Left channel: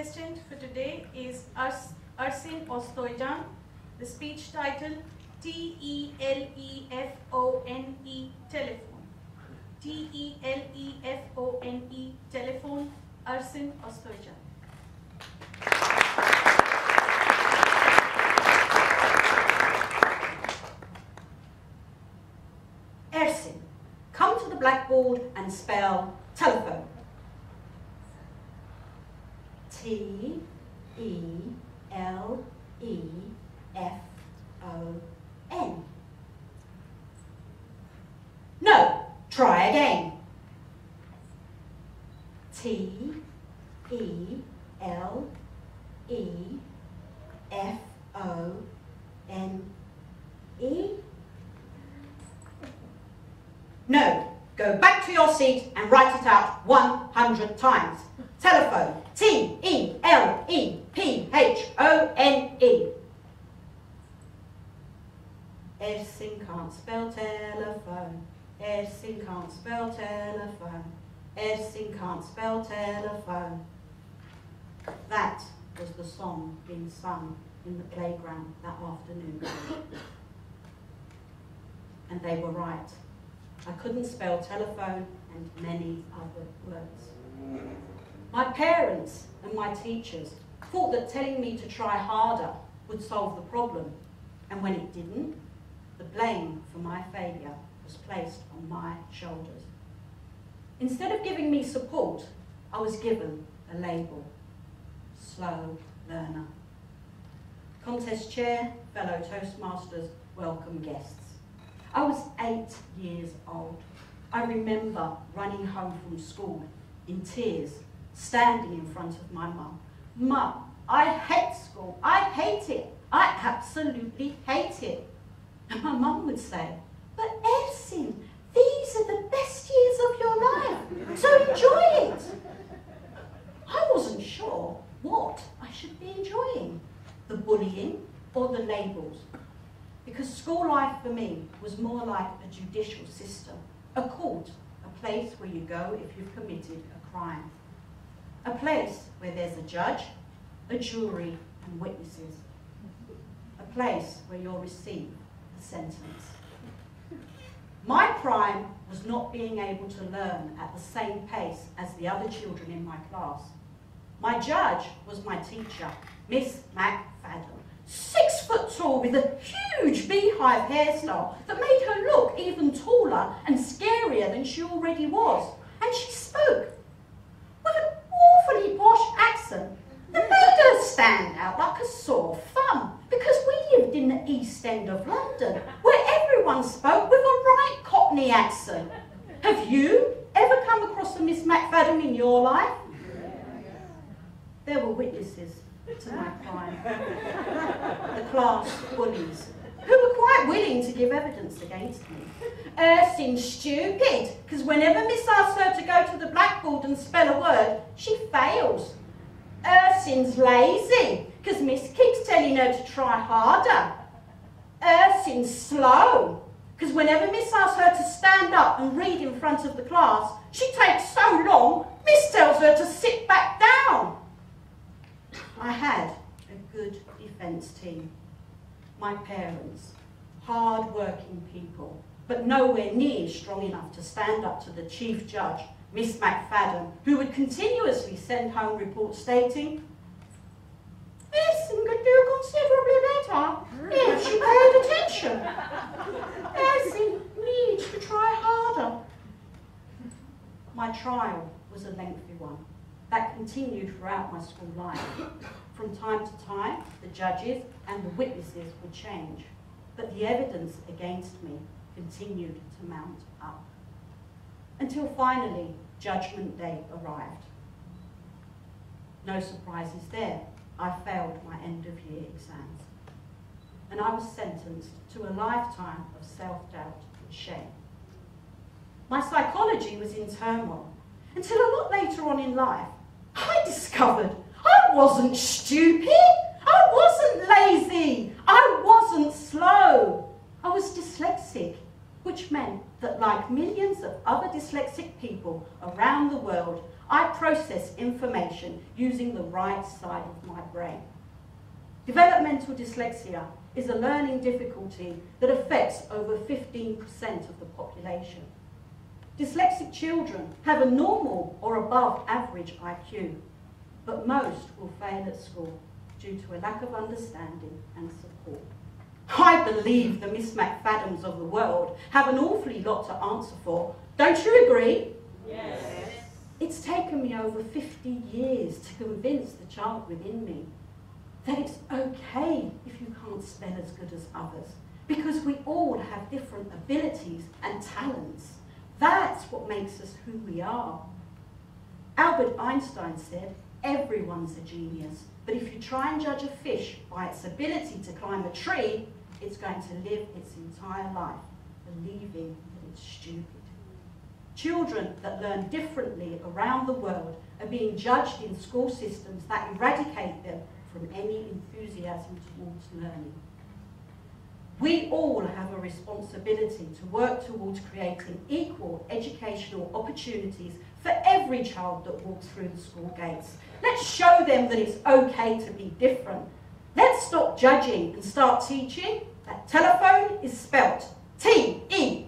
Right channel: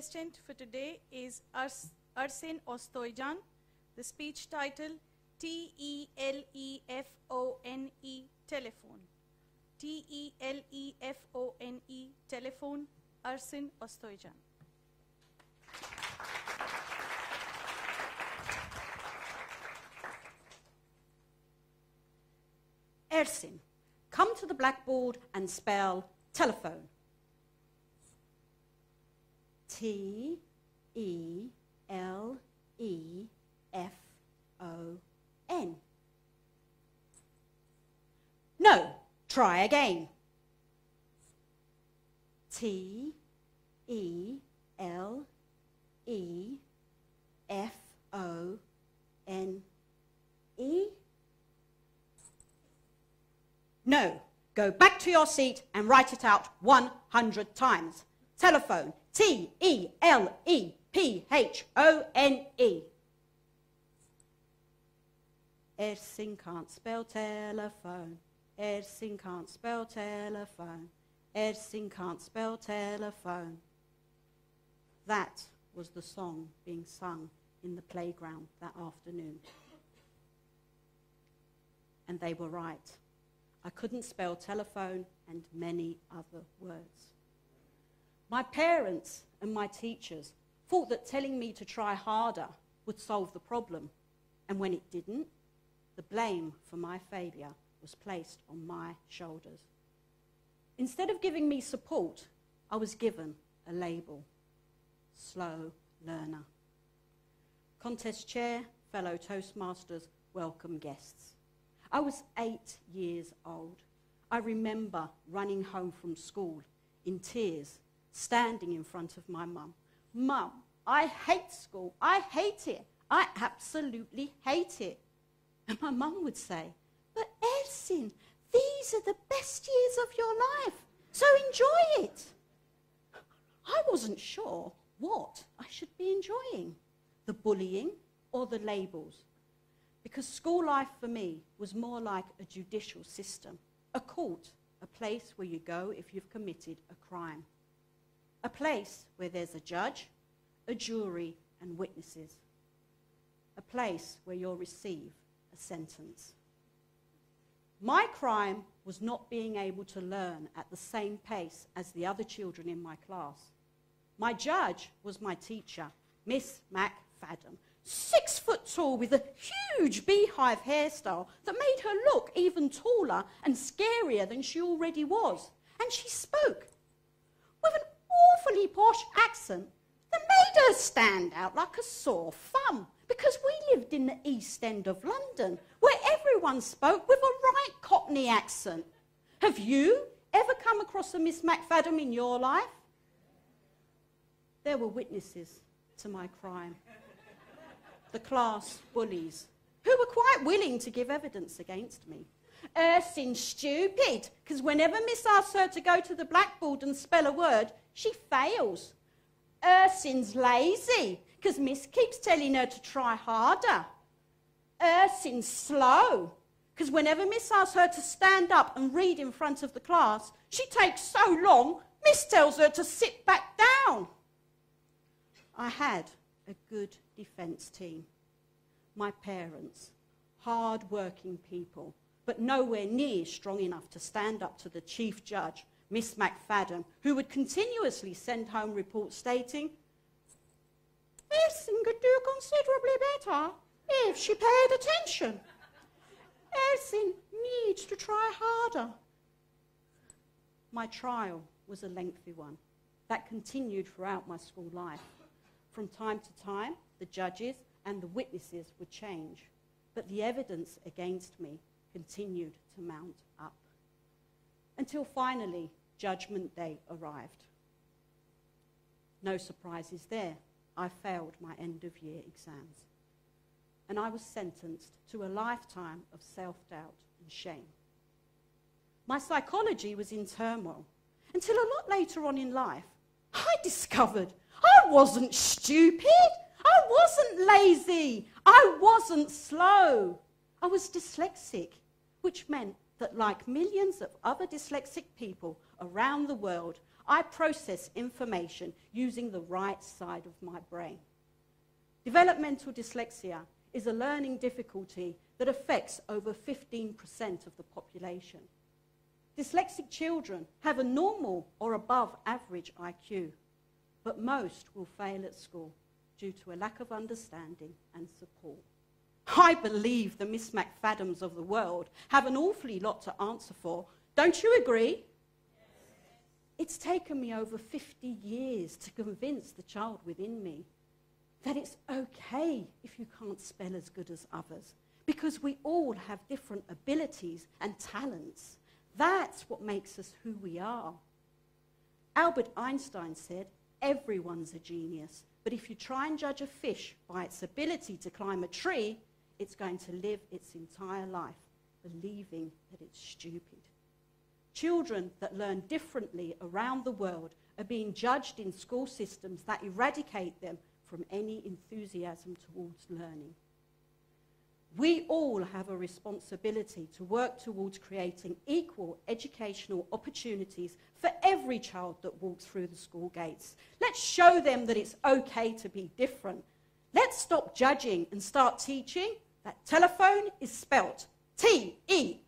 contestant for today is Ersin Oztoycan. The speech title, T.E.L.E.F.O.N.E Telephone. T.E.L.E.F.O.N.E Telephone, Ersin Oztoycan. Ersin, come to the blackboard and spell telephone. T-E-L-E-F-O-N. No, try again. T-E-L-E-F-O-N-E. No, go back to your seat and write it out 100 times. Telephone, T-E-L-E-P-H-O-N-E. Ersin can't spell telephone. Ersin can't spell telephone. Ersin can't spell telephone. That was the song being sung in the playground that afternoon. And they were right. I couldn't spell telephone and many other words. My parents and my teachers thought that telling me to try harder would solve the problem, and when it didn't, the blame for my failure was placed on my shoulders. Instead of giving me support, I was given a label: slow learner. Contest chair, fellow Toastmasters, welcome guests. I was 8 years old. I remember running home from school in tears, standing in front of my mum. Mum, I hate school. I hate it. I absolutely hate it. And my mum would say, but Ersin, these are the best years of your life, so enjoy it. I wasn't sure what I should be enjoying, the bullying or the labels, because school life for me was more like a judicial system, a court, a place where you go if you've committed a crime. A place where there's a judge, a jury, and witnesses. A place where you'll receive a sentence. My crime was not being able to learn at the same pace as the other children in my class. My judge was my teacher, Miss McFadden, 6 foot tall with a huge beehive hairstyle that made her look even taller and scarier than she already was. And she spoke with an awfully posh accent that made her stand out like a sore thumb, because we lived in the East End of London, where everyone spoke with a right Cockney accent. Have you ever come across a Miss McFadden in your life? There were witnesses to my crime. The class bullies, who were quite willing to give evidence against me. Ersin's stupid, because whenever Miss asks her to go to the blackboard and spell a word, she fails. Ersin's lazy, because Miss keeps telling her to try harder. Ersin's slow, because whenever Miss asks her to stand up and read in front of the class, she takes so long, Miss tells her to sit back down. I had a good defence team. My parents, hard-working people, but nowhere near strong enough to stand up to the chief judge, Miss McFadden, who would continuously send home reports stating, Ersin could do considerably better if she paid attention. Ersin needs to try harder. My trial was a lengthy one that continued throughout my school life. From time to time, the judges and the witnesses would change, but the evidence against me continued to mount up. Until finally, Judgment Day arrived. No surprises there. I failed my end-of-year exams. And I was sentenced to a lifetime of self-doubt and shame. My psychology was in turmoil, until a lot later on in life, I discovered I wasn't stupid, I wasn't lazy, I wasn't slow. I was dyslexic, which meant that like millions of other dyslexic people around the world, I process information using the right side of my brain. Developmental dyslexia is a learning difficulty that affects over 15% of the population. Dyslexic children have a normal or above average IQ, but most will fail at school due to a lack of understanding and support. I believe the Miss McFadden's of the world have an awfully lot to answer for. Don't you agree? Yes. It's taken me over 50 years to convince the child within me that it's okay if you can't spell as good as others, because we all have different abilities and talents. That's what makes us who we are. Albert Einstein said, everyone's a genius, but if you try and judge a fish by its ability to climb a tree, it's going to live its entire life believing that it's stupid. Children that learn differently around the world are being judged in school systems that eradicate them from any enthusiasm towards learning. We all have a responsibility to work towards creating equal educational opportunities for every child that walks through the school gates. Let's show them that it's okay to be different. Let's stop judging and start teaching that telephone is spelt T-E-L-E-F-O-N-E.